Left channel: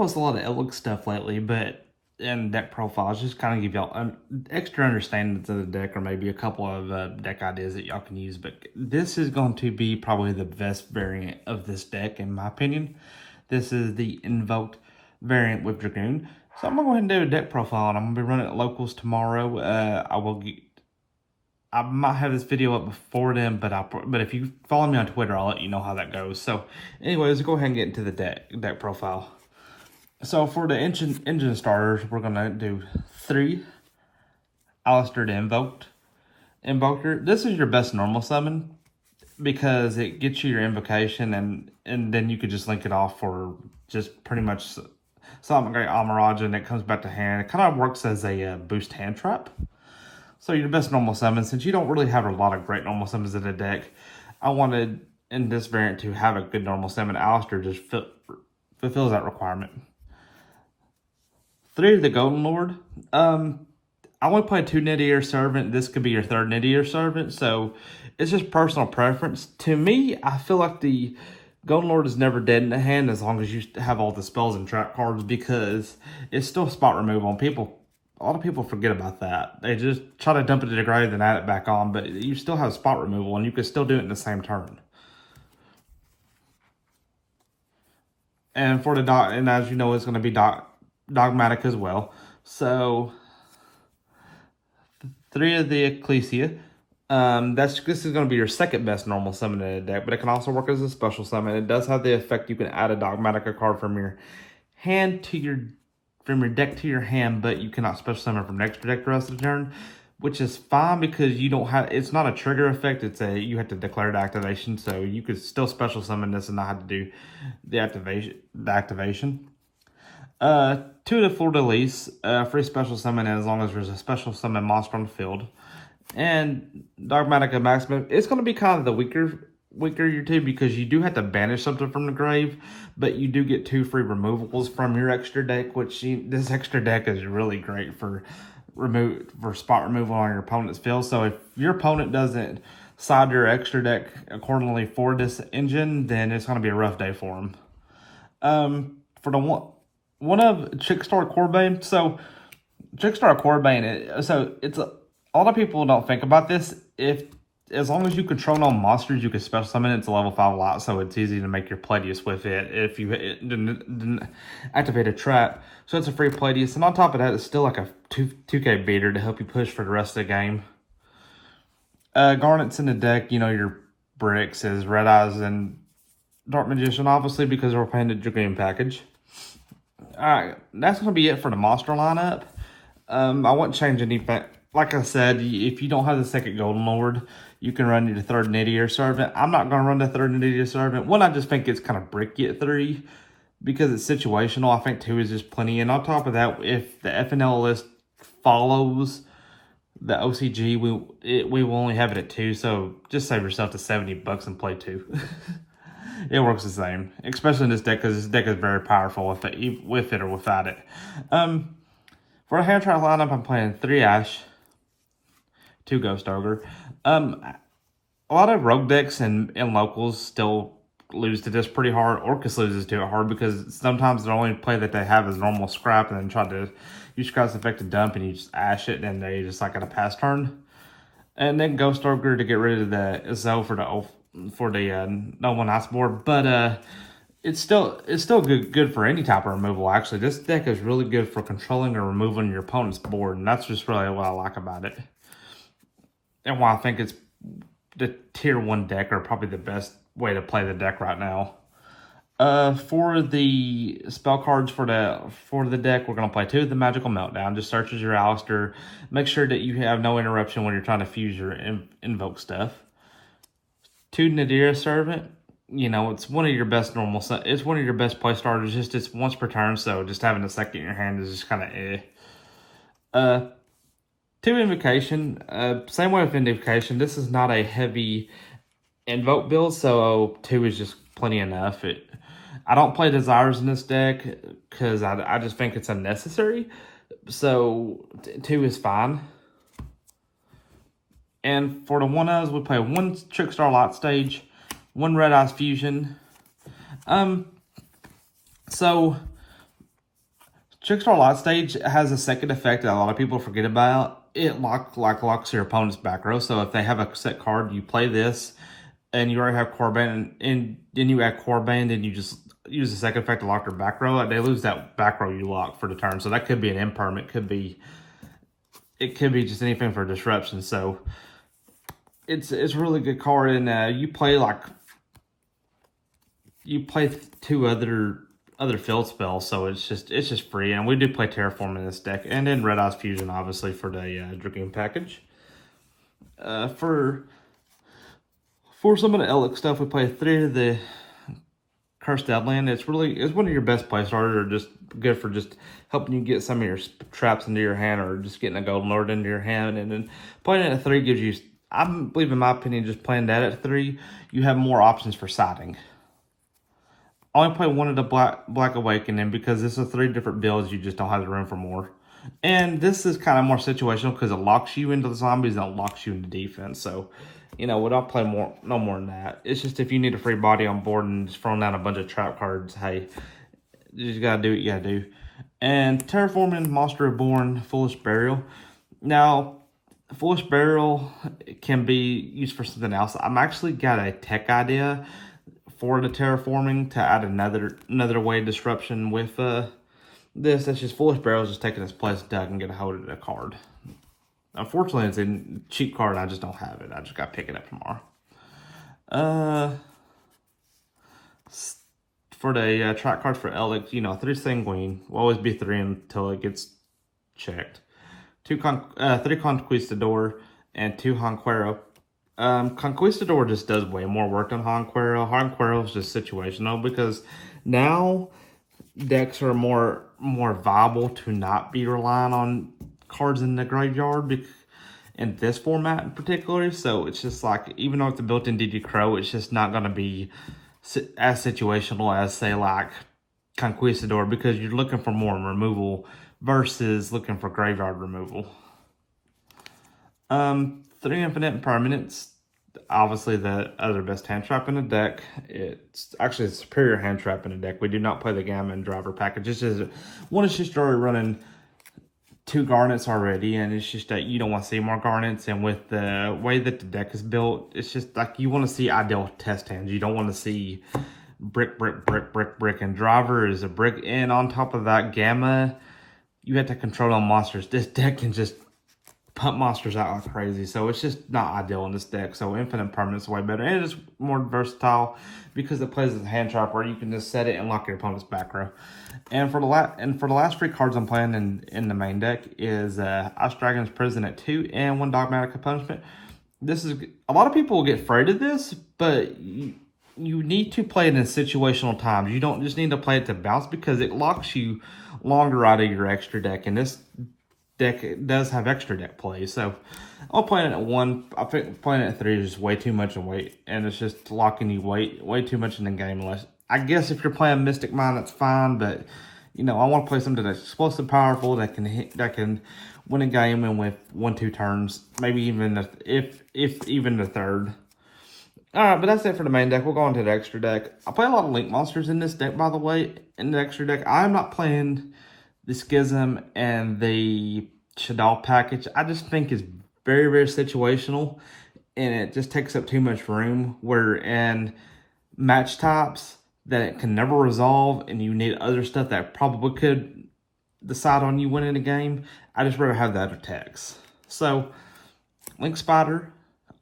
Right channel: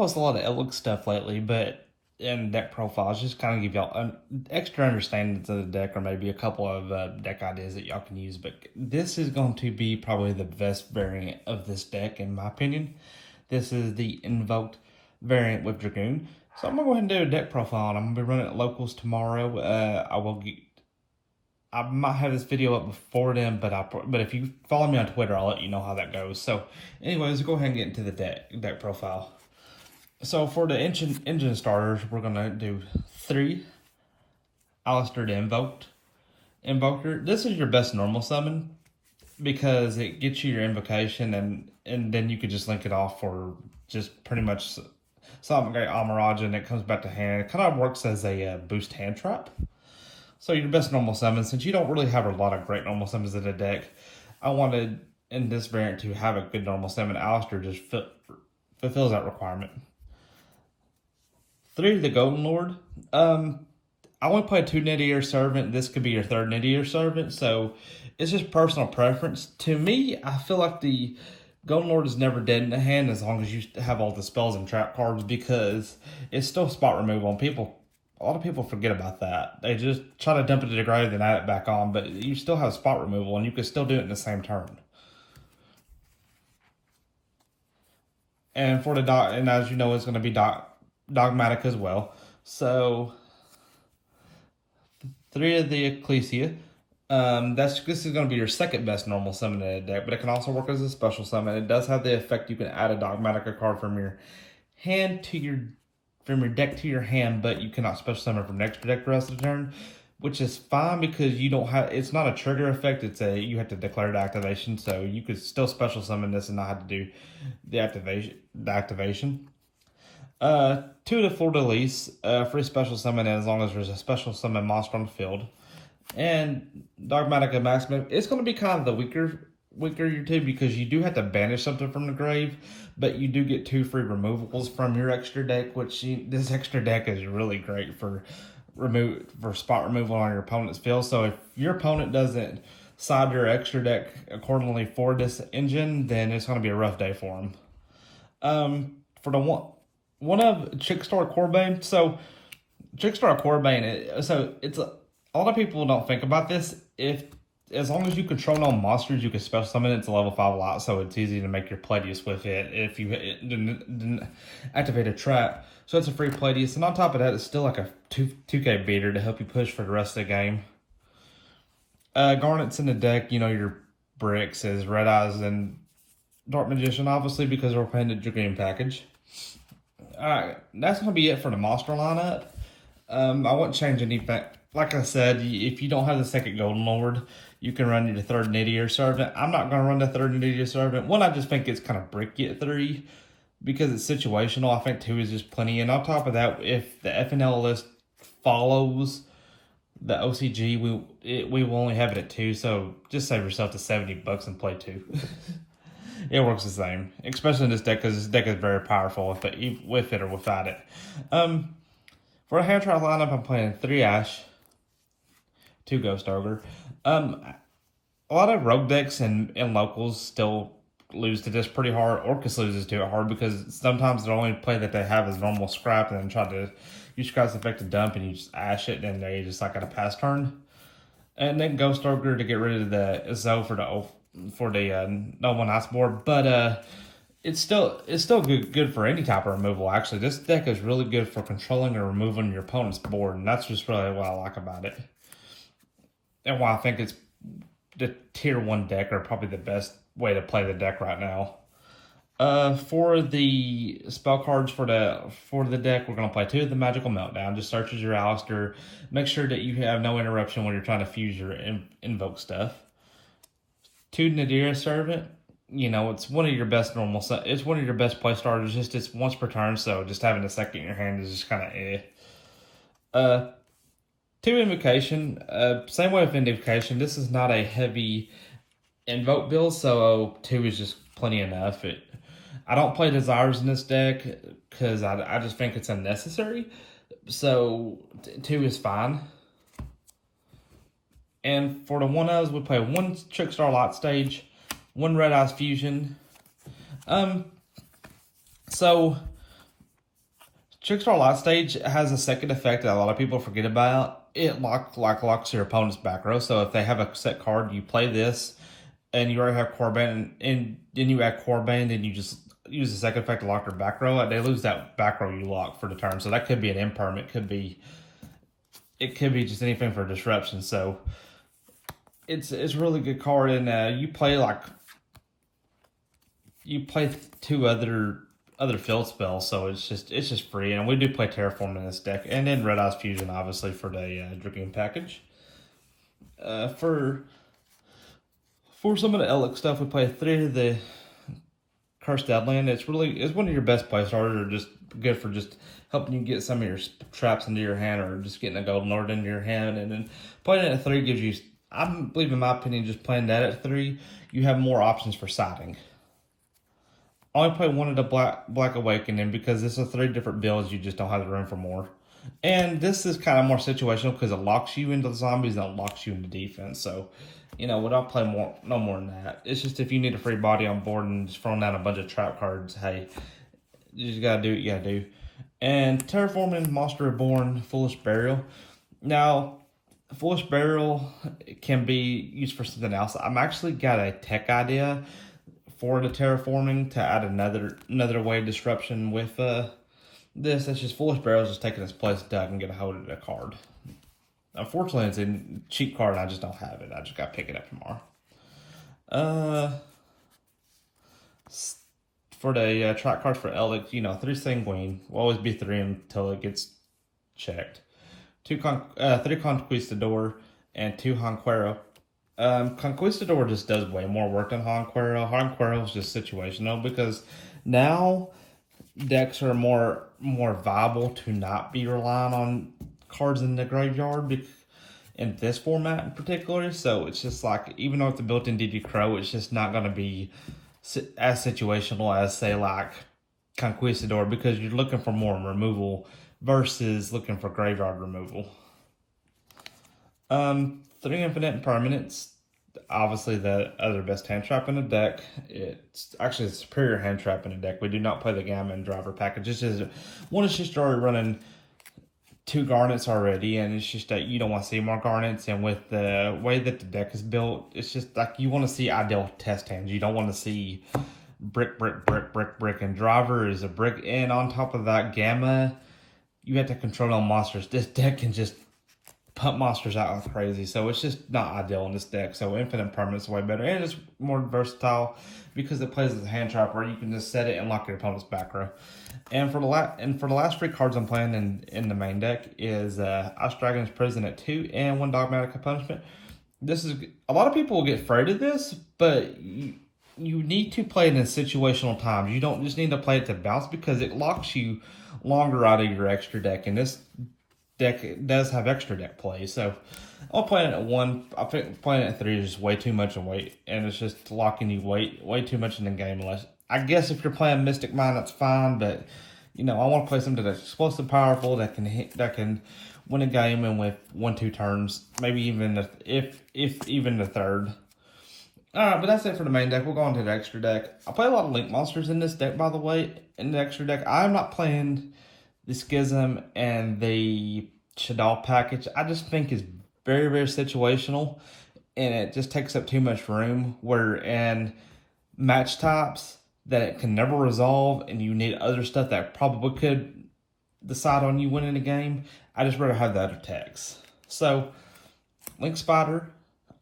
post a lot of ELDLICH stuff lately, but in deck profiles, just kind of give y'all an extra understanding to the deck, or maybe a couple of deck ideas that y'all can use. But this is going to be probably the best variant of this deck, in my opinion. This is the Invoked variant with Dragoon. So I'm going to go ahead and do a deck profile, and I'm going to be running at locals tomorrow. I might have this video up before then, but if you follow me on Twitter, I'll let you know how that goes. So anyways, let's go ahead and get into the deck profile. So for the engine starters, we're going to do 3 Alistair the Invoker. This is your best normal summon because it gets you your invocation, and then you could just link it off for just pretty much something great Amaraj, and it comes back to hand. It kind of works as a boost hand trap. So your best normal summon, since you don't really have a lot of great normal summons in the deck, I wanted in this variant to have a good normal summon. Alistair just fulfills that requirement. 3 of the Golden Lord. I want to play 2 Nidier Servant. This could be your 3rd Nidier Servant, so it's just personal preference. To me, I feel like the Golden Lord is never dead in the hand as long as you have all the spells and trap cards, because it's still spot removal, and a lot of people forget about that. They just try to dump it to the grave and add it back on, but you still have spot removal, and you can still do it in the same turn. And for the and as you know, it's going to be Dogmatika as well. So 3 of the Ecclesia. This is going to be your 2nd best normal summon in the deck, but it can also work as a special summon. It does have the effect you can add a Dogmatika card from your hand to your deck to your hand, but you cannot special summon from next deck the rest of the turn, which is fine because you don't have. It's not a trigger effect. You have to declare the activation, so you could still special summon this and not have to do the activation. 2 of the Fleur-de-Lis, free special summon as long as there's a special summon monster on the field. And Dogmatika Maximum, it's going to be kind of the weaker your two, because you do have to banish something from the grave, but you do get 2 free removals from your extra deck, which this extra deck is really great for spot removal on your opponent's field. So if your opponent doesn't side your extra deck accordingly for this engine, then it's going to be a rough day for them. For the one of Trickstar Corbane. So Trickstar Corbane, so it's a lot of people don't think about this. As long as you control no monsters, you can special summon it. It's a level 5 lot, so it's easy to make your Playdius with it if you didn't activate a trap. So it's a free Playdius, and on top of that, it's still like a 2K beater to help you push for the rest of the game. Garnets in the deck, your bricks is Red Eyes and Dark Magician, obviously, because we're playing the Dragoon package. Alright, that's going to be it for the monster lineup. I wouldn't change anything. Like I said, if you don't have the 2nd Golden Lord, you can run your 3rd Nidier Servant. I'm not going to run the 3rd Nidier Servant. One, I just think it's kind of bricky at 3 because it's situational. I think 2 is just plenty. And on top of that, if the FNL list follows the OCG, we will only have it at 2. So just save yourself the $70 and play 2. It works the same, especially in this deck, because this deck is very powerful with it or without it. For a hand trap lineup, I'm playing 3 Ash, 2 Ghost Ogre. A lot of rogue decks and locals still lose to this pretty hard. Orcus loses to it hard because sometimes the only play that they have is normal scrap, and then try to use scrap's effect to dump, and you just Ash it, and they just like at a pass turn. And then Ghost Ogre to get rid of the Zoe for the No One Ice board, but it's still good for any type of removal. Actually, this deck is really good for controlling or removing your opponent's board, and that's just really what I like about it, and why I think it's the tier 1 deck, or probably the best way to play the deck right now. For the spell cards for the deck, we're gonna play 2 of the Magical Meltdown. Just search as your Alistair. Make sure that you have no interruption when you're trying to fuse your invoke stuff. 2 Nidier Servant. It's one of your best it's one of your best play starters. Just it's once per turn, so just having a 2nd in your hand is just kind of eh. 2 Invocation. Same way with Invocation. This is not a heavy invoke build, so 2 is just plenty enough. I don't play Desires in this deck because I just think it's unnecessary. So 2 is fine. And for the 1-ofs, we play 1 Trickstar Lot Stage, 1 Red Eyes Fusion. So Trickstar Light Stage has a second effect that a lot of people forget about. It locks your opponent's back row. So if they have a set card, you play this, and you already have core band, and then you add core band, and you just use the second effect to lock their back row. They lose that back row you lock for the turn. So that could be an imperm. It could be just anything for disruption. So it's a really good card, and you play two other field spells, so it's just free. And we do play Terraform in this deck, and then Red Eyes Fusion obviously for the Dragoon package. For some of the ELDLICH stuff, we play 3 of the Cursed Deadland. It's one of your best play starters, or just good for just helping you get some of your traps into your hand, or just getting a Golden Lord into your hand. And then playing it at 3 gives you, I believe in my opinion, just playing that at 3, you have more options for siding. I only play 1 of the Black Awakening because this is 3 different builds. You just don't have the room for more. And this is kind of more situational because it locks you into the zombies and it locks you into defense. So, we don't play no more than that. It's just if you need a free body on board and just throwing down a bunch of trap cards, hey, you just gotta do what you gotta do. And Terraforming Monster Reborn Foolish Burial. Now, Foolish Burial can be used for something else. I'm actually got a tech idea for the Terraforming to add another way of disruption with this. That's just Foolish Burial is just taking its place until I can get a hold of the card. Unfortunately, it's a cheap card. I just don't have it. I just got to pick it up tomorrow. For the track cards for ELDLICH, 3 Sanguine will always be 3 until it gets checked. 3 Conquistador and 2 Honquero. Conquistador just does way more work than Honquero. Honquero is just situational because now decks are more viable to not be relying on cards in the graveyard in this format in particular. So it's just like, even though it's a built-in DD Crow, it's just not going to be as situational as, say, like Conquistador, because you're looking for more removal versus looking for graveyard removal. 3 Infinite Permanents. Obviously, the other best hand trap in the deck. It's actually a superior hand trap in the deck. We do not play the Gamma and Driver package. One is just already running 2 Garnets already, and it's just that you don't want to see more Garnets. And with the way that the deck is built, it's just like you want to see ideal test hands. You don't want to see brick, and Driver is a brick. And on top of that, Gamma, you have to control on monsters. This deck can just pump monsters out like crazy, so it's just not ideal in this deck. So Infinite Permanent's way better, and it's more versatile because it plays as a hand trap where you can just set it and lock your opponent's back row. And for the last 3 cards I'm playing in the main deck is Ice Dragon's Prison at 2 and 1 Dogmatika Punishment. This is, a lot of people will get afraid of this, but you need to play it in situational times. You don't just need to play it to bounce, because it locks you longer out of your extra deck, and this deck does have extra deck play. So I'll play it at 1. I think playing it at 3 is just way too much and it's just locking you way too much in the game. Unless, I guess, if you're playing Mystic Mind, that's fine, but I want to play something that's explosive, powerful, that can win a game in with 1-2 turns, maybe even if even the third. Alright, but that's it for the main deck. We'll go on to the extra deck. I play a lot of Link monsters in this deck, by the way. In the extra deck, I'm not playing the Schism and the Shadal package. I just think it's very, very situational, and it just takes up too much room. Where in match types that it can never resolve, and you need other stuff that probably could decide on you winning a game, I just rather have the other techs. So Link Spider,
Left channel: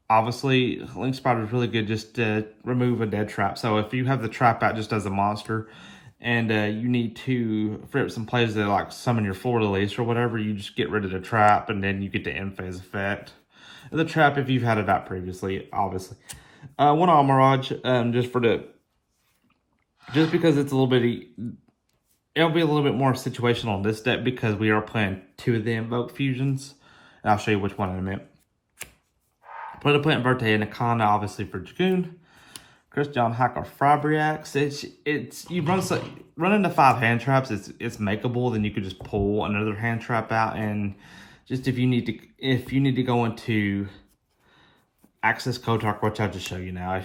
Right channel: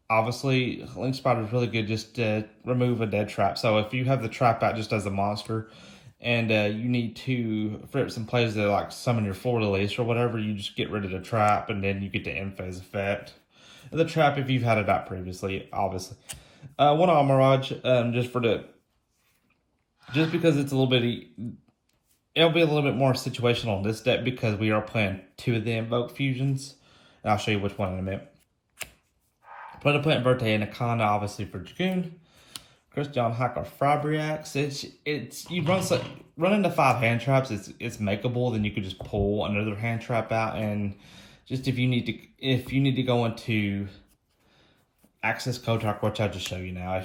obviously Link Spider is really good just to remove a dead trap. So if you have the trap out just as a monster, and you need to free up some plays that like summon your Fleur de Lis or whatever, you just get rid of the trap, and then you get the end phase effect. The trap, if you've had it out previously, obviously. 1 Amaraj, just because it's a little bit, it'll be a little bit more situational in this deck because we are playing 2 of the Invoke Fusions. And I'll show you which one in a minute. Play the Plant Verte and Akana, obviously, for Dragoon. Christian Hacker Fabriax. You run into 5 hand traps. It's makeable. Then you could just pull another hand trap out, and just if you need to go into Access Kotak, which I'll just show you now.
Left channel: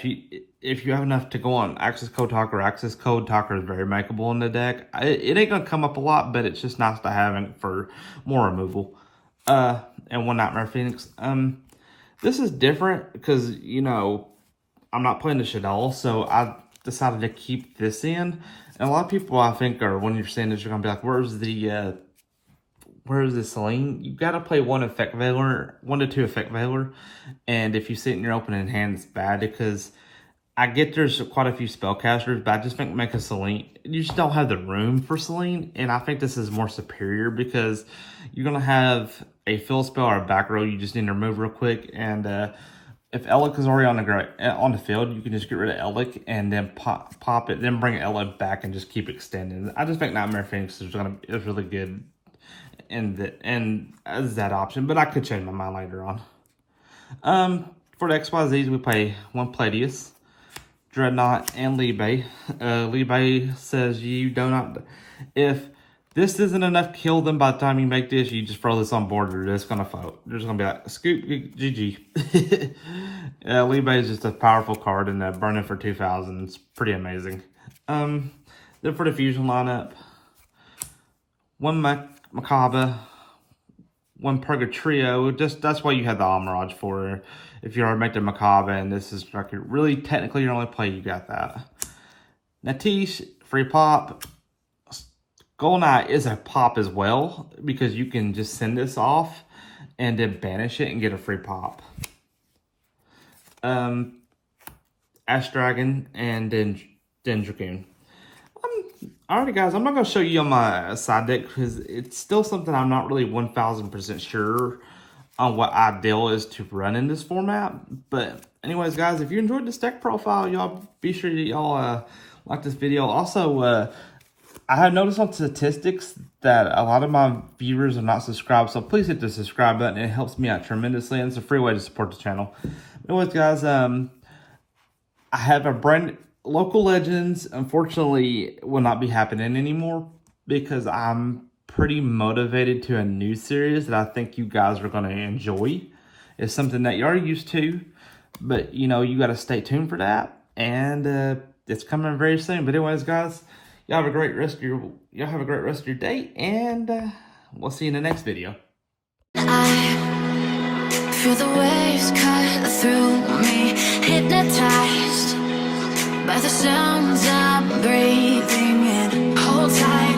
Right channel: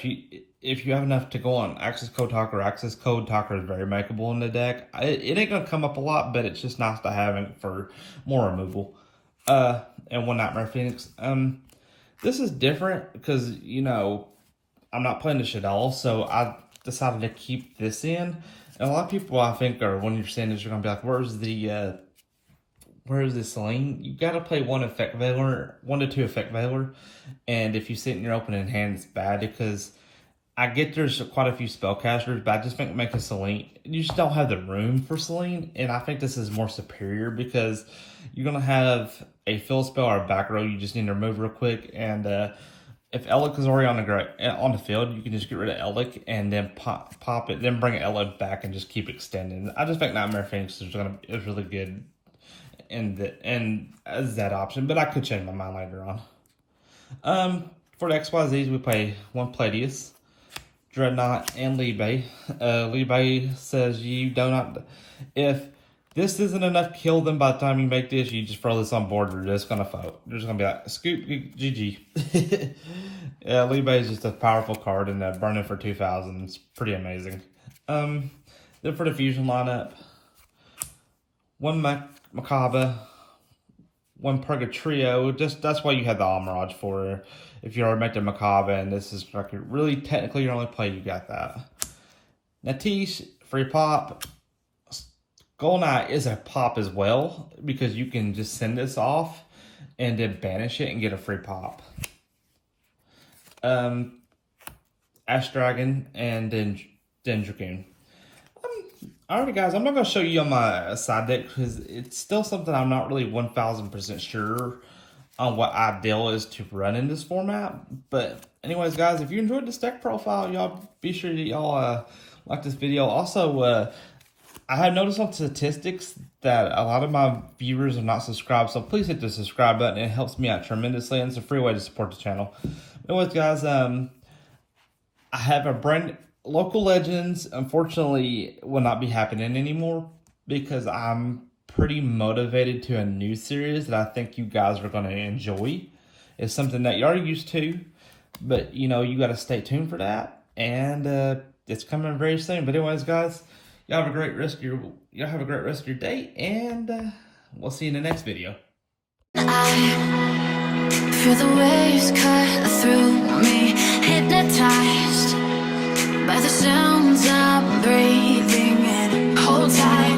if you have enough to go on Access Code Talker is very makeable in the deck. It ain't gonna come up a lot, but it's just nice to have it for more removal. And one Nightmare Phoenix. This is different because, you know, I'm not playing this at all, so I decided to keep this in. And a lot of people, I think, are, when you're saying this, you're gonna be like, where's the Celine? You gotta play 1 to 2 Effect Veiler. And if you sit in your opening hand, it's bad because I get there's quite a few spellcasters, but I just think make a Celine. You just don't have the room for Celine, and I think this is more superior because you're gonna have a fill spell or a back row you just need to remove real quick. And if Eldlich is already on the field, you can just get rid of Eldlich and then pop it, then bring Eldlich back and just keep extending. I just think Nightmare Phoenix is really good and as that option, but I could change my mind later on. For the XYZs, we play 1 Palladius, Dreadnought, and Libe. Libe says you do not. If this isn't enough to kill them by the time you make this, you just throw this on board. They're just gonna vote. They're just gonna be like, scoop, GG. Libe is just a powerful card, and burning for 2,000 is pretty amazing. Then for the fusion lineup, 1 Macabre, 1 Purgatrio. Just that's why you have the Almirage for. If you already make the Macabre, and this is like really technically your only play, you got that. Natish, free pop. Golden Knight is a pop as well because you can just send this off and then banish it and get a free pop. Ash Dragon and then Dragoon. Alright guys, I'm not going to show you on my side deck because it's still something I'm not really 1000% sure on what ideal is to run in this format. But anyways guys, if you enjoyed this deck profile, y'all be sure that y'all like this video. Also, I have noticed on statistics that a lot of my viewers are not subscribed, so please hit the subscribe button. It helps me out tremendously, and it's a free way to support the channel. Anyways guys, I have a brand Local Legends, unfortunately, will not be happening anymore because I'm pretty motivated to a new series that I think you guys are going to enjoy. It's something that you're already used to, but you know, you got to stay tuned for that, and it's coming very soon. But anyways, guys, y'all have a great rest of your day, and we'll see you in the next video. I feel the waves cut through me, hypnotized by the sounds I'm breathing in. Hold tight.